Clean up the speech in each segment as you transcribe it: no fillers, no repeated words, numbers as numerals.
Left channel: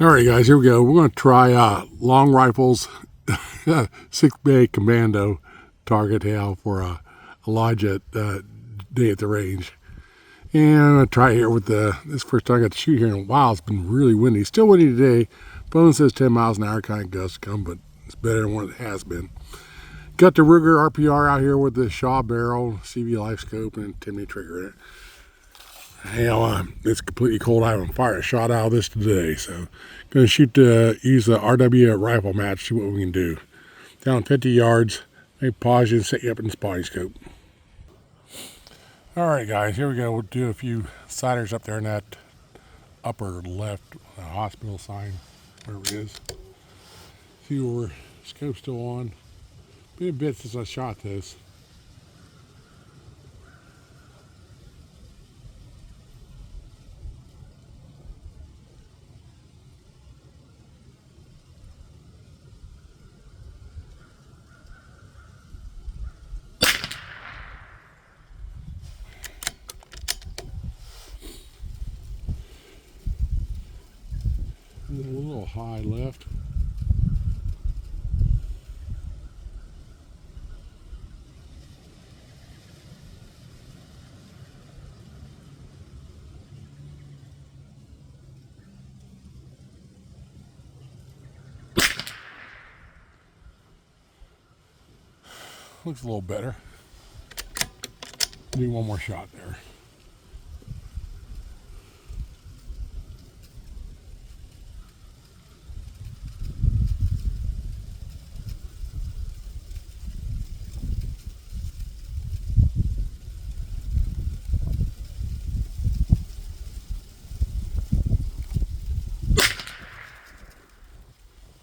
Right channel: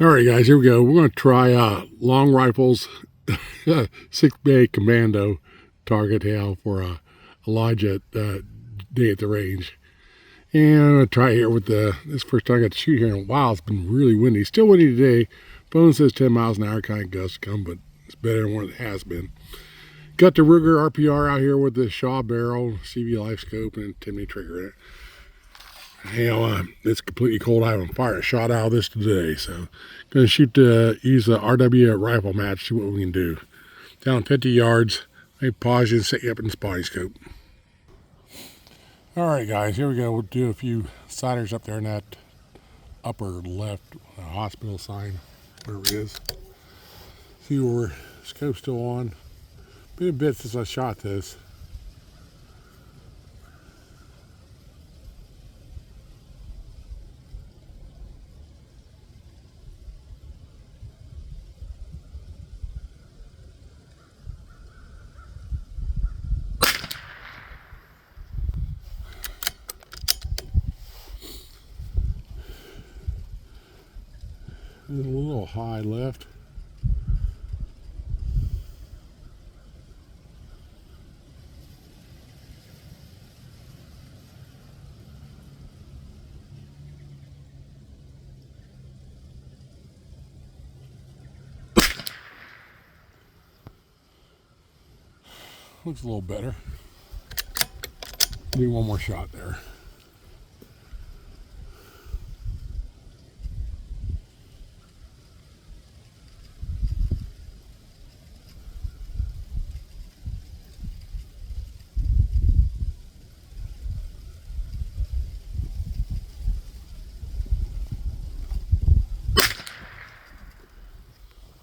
All right, guys, here we go. We're going to try long rifles, Sickbay Commando target hail for Elijah day at the range. And I'm going to try here with this first time I got to shoot here in a while. It's been really windy. Still windy today. Phone says 10 miles an hour kind of gust come, but it's better than what it has been. Got the Ruger RPR out here with the Shaw barrel, CV life scope, and 10mm trigger in it. Hell, it's completely cold. I haven't fired a shot out of this today, so going to use the RW rifle match, see what we can do. Down 50 yards, maybe pause you and set you up in the spotting scope. All right, guys, here we go. We'll do a few siders up there in that upper left hospital sign, wherever it is. See where scope's still on. Been a bit since I shot this. A little high left. Looks a little better. Do one more shot there.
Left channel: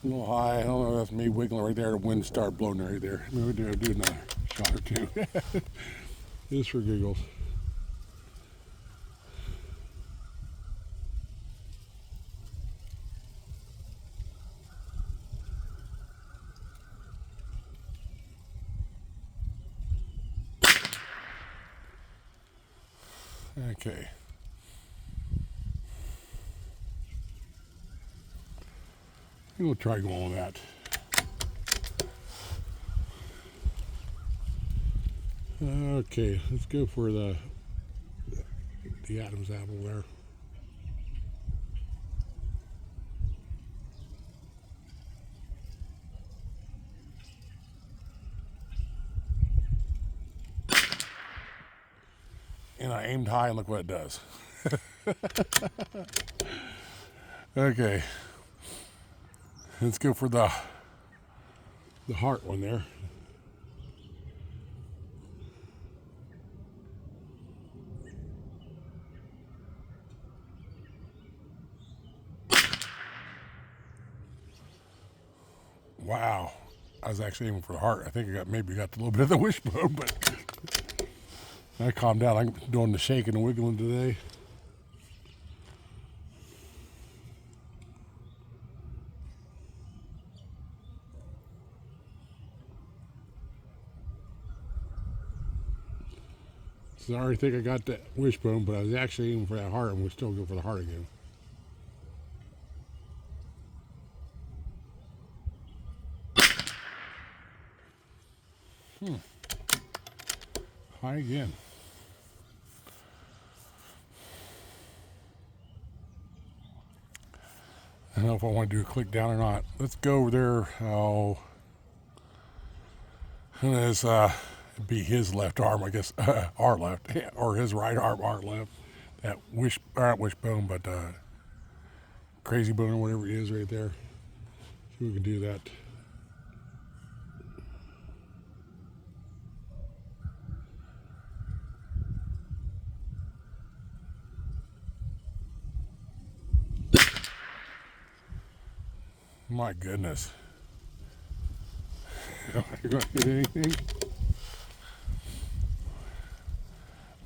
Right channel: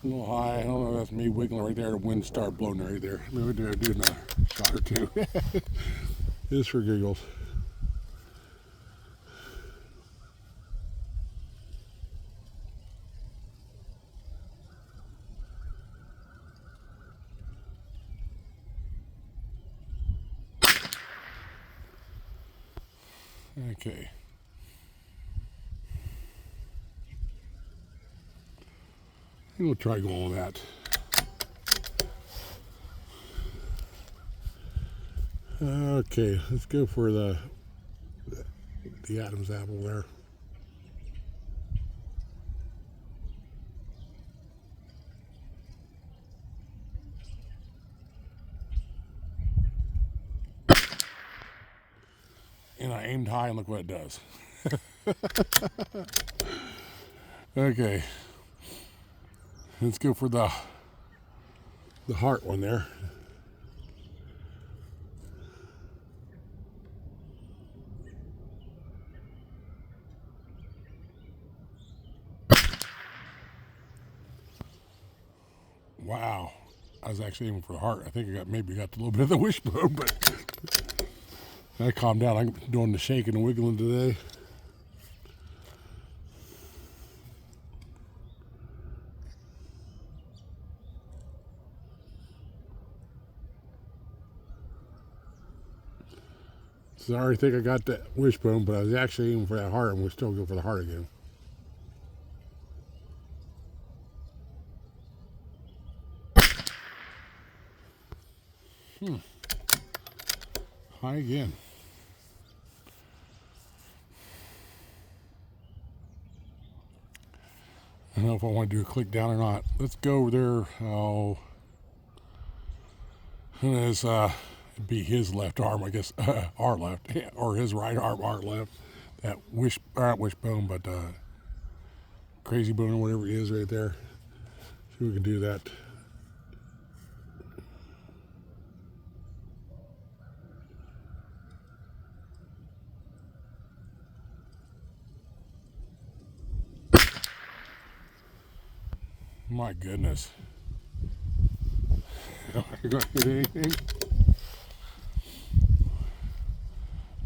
A little high. I don't know if that's me wiggling right there. The wind started blowing right there. Maybe we do another shot or two. Just for giggles. Okay. I think we'll try going with that. Okay, let's go for the Adam's apple there. And I aimed high and look what it does. Okay. Let's go for the heart one there. Wow. I was actually aiming for the heart. I think I maybe got a little bit of the wishbone, but I calmed down. I'm doing the shaking and wiggling today. So I already think I got that wishbone, but I was actually aiming for that heart, and we'll still go for the heart again. High again. I don't know if I want to do a click down or not. Let's go over there. Oh, and it's be his left arm, I guess, our left, or his right arm, our left. That wishbone, but crazy bone or whatever it is right there. See if we can do that. My goodness. Are you going to hit anything?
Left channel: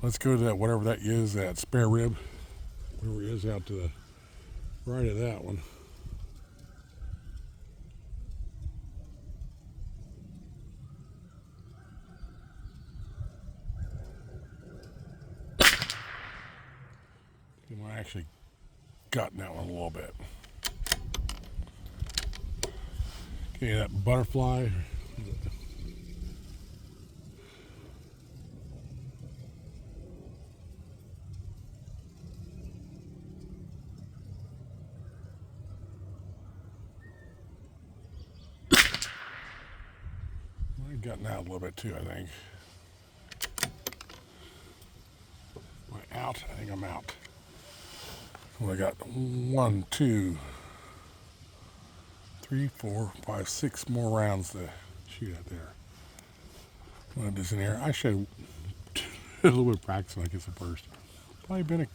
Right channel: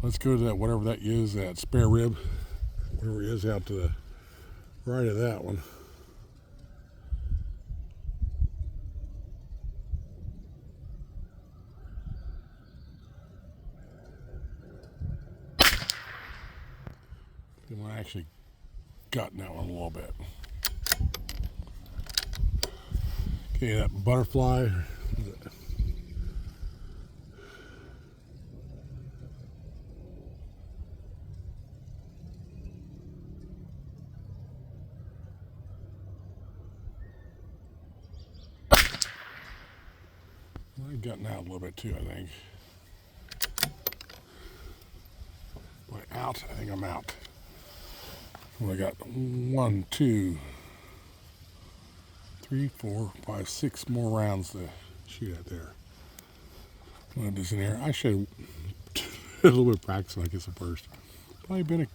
Let's go to that, whatever that is, that spare rib. Whatever it is out to the right of that one. I actually gotten that one a little bit. Okay, that butterfly. I've gotten out a little bit too, I think. Am I out? I think I'm out. Well, I got 1, 2, 3, 4, 5, 6 more rounds to shoot at there. One of this in here. I should have a little bit of practice like it's the first. Probably been at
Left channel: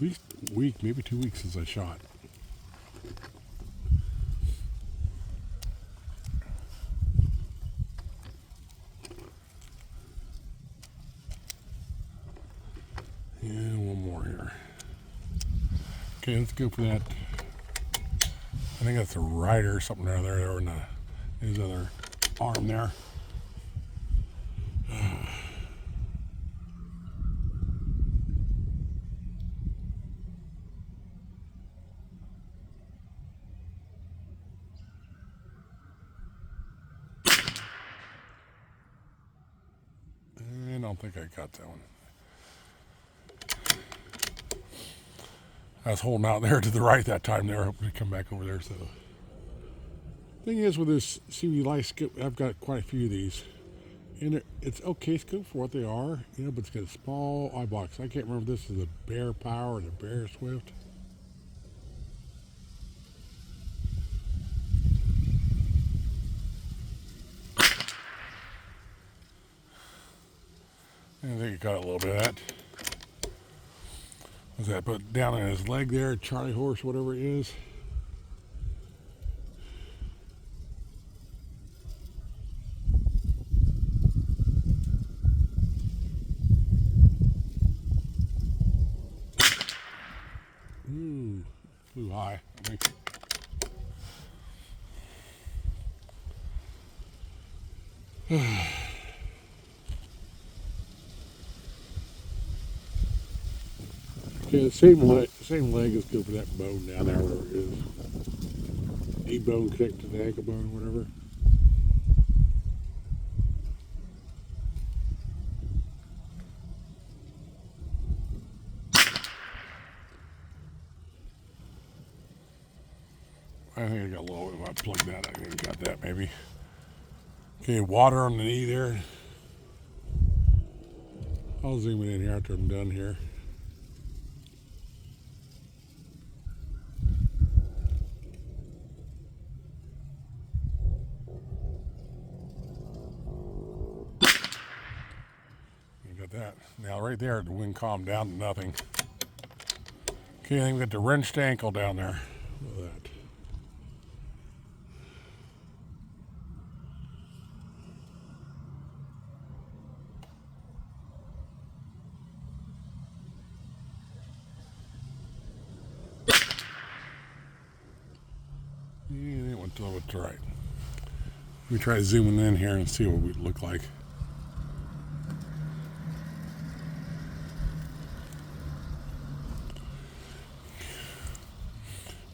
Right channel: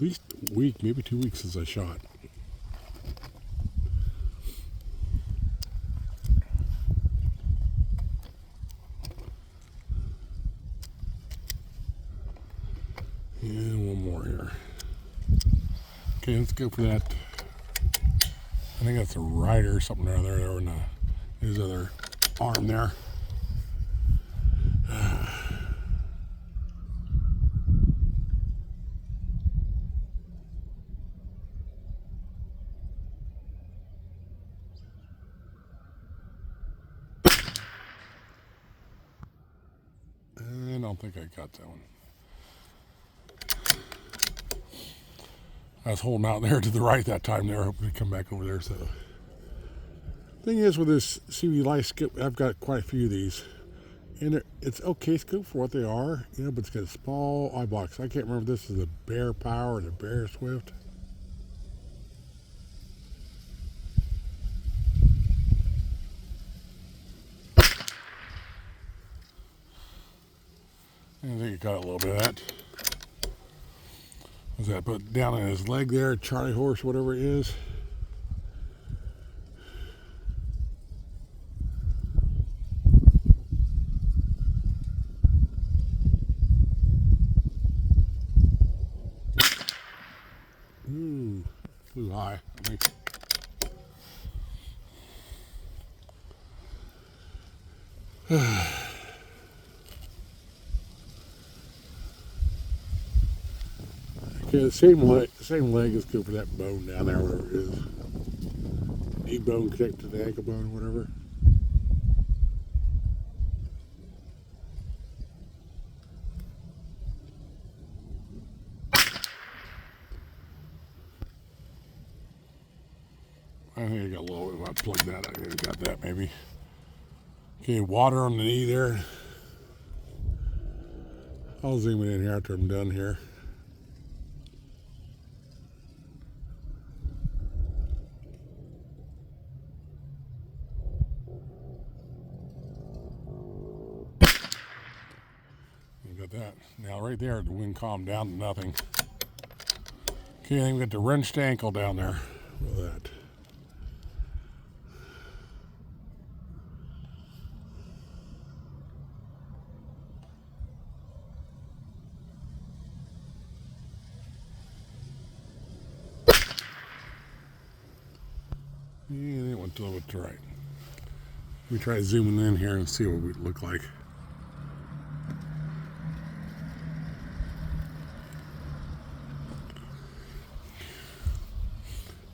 least a week, maybe 2 weeks since I shot. And one more here. Okay, let's go for that. I think that's a rider or something there. There in his other arm there. I don't think I got that one. I was holding out there to the right that time there, hoping to come back over there. So, thing is with this CV light scope, I've got quite a few of these, and it's okay scope for what they are, you know, but it's got a small eye box. I can't remember if this is the Bear Power or the Bear Swift. I think it got a little bit of that. Was that put down on his leg there, Charlie horse, whatever it is. Too high, I think. Yeah, same leg is good for that bone down there where it is. Knee bone connected to the ankle bone, whatever. I think I got a little, if I plug that, I think I got that maybe. Okay, water on the knee there. I'll zoom it in here after I'm done here. Got that. Now right there, the wind calmed down to nothing. Okay, I think we got the wrenched ankle down there. Look at that. Yeah, that went a little bit to the right. Let me try zooming in here and see what we look like.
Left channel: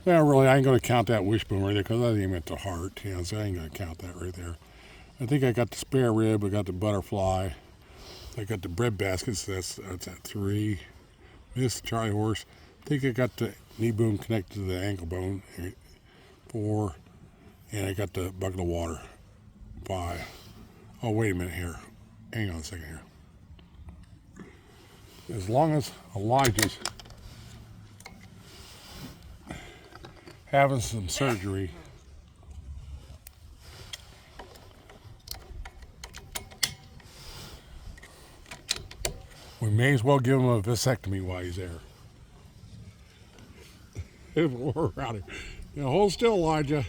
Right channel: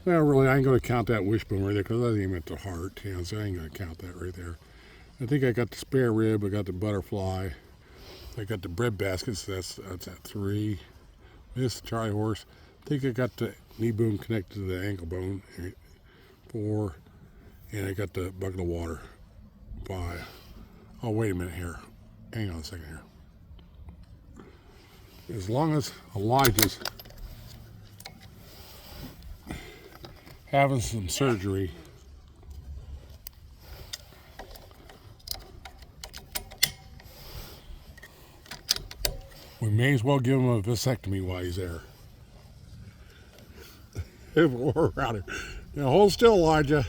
Well, really, I ain't going to count that wishbone right there because I think I meant the heart, you know, so I ain't going to count that right there. I think I got the spare rib, I got the butterfly, I got the bread baskets, that's at 3. This Charlie horse, I think I got the knee bone connected to the ankle bone, 4, and I got the bucket of water, 5. Oh, wait a minute here. Hang on a second here. As long as Elijah's having some surgery, we may as well give him a vasectomy while he's there. If we're around him. Now hold still, Elijah.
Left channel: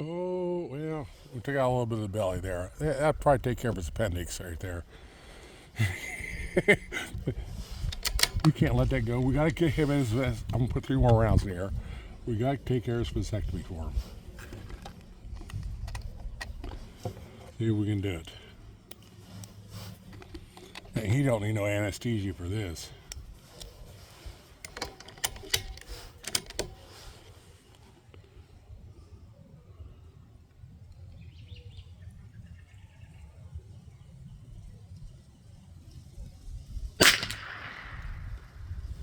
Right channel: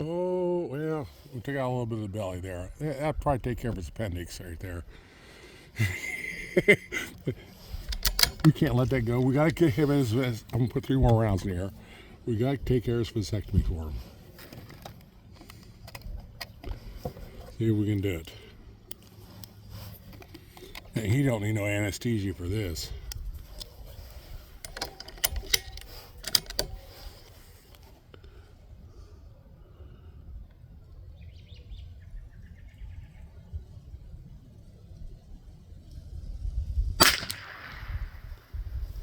Oh, well, we took out a little bit of the belly there. That'd probably take care of his appendix right there. We can't let that go. We got to get him his. I'm going to put 3 more rounds in here. We got to take care of his vasectomy for him. See if we can do it. He don't need no anesthesia for this.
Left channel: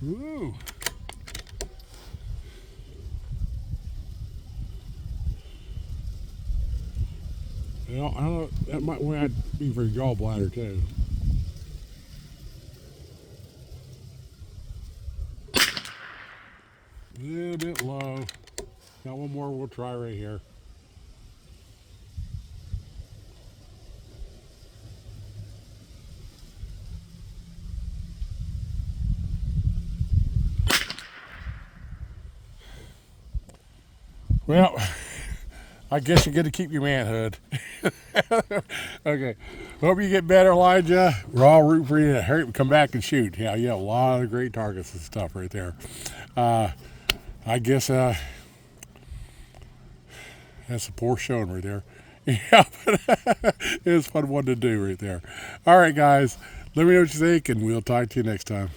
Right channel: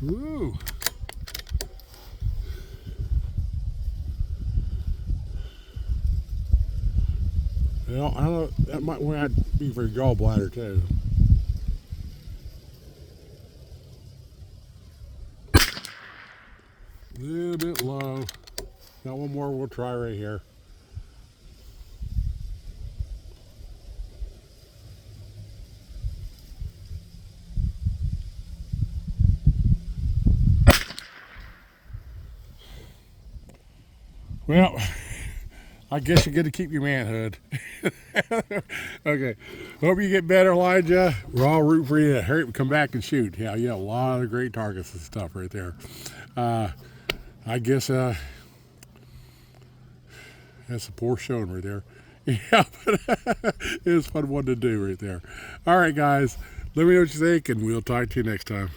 Woo! Well, I don't know, that might be for your gallbladder too. A little bit low. Got one more we'll try right here. Well, I guess you're going to keep your manhood. Okay. Hope you get better, Elijah. We're all rooting for you to hurry up, come back and shoot. Yeah, you have a lot of great targets and stuff right there. I guess that's a poor showing right there. Yeah, but it was a fun one to do right there. All right, guys. Let me know what you think, and we'll talk to you next time.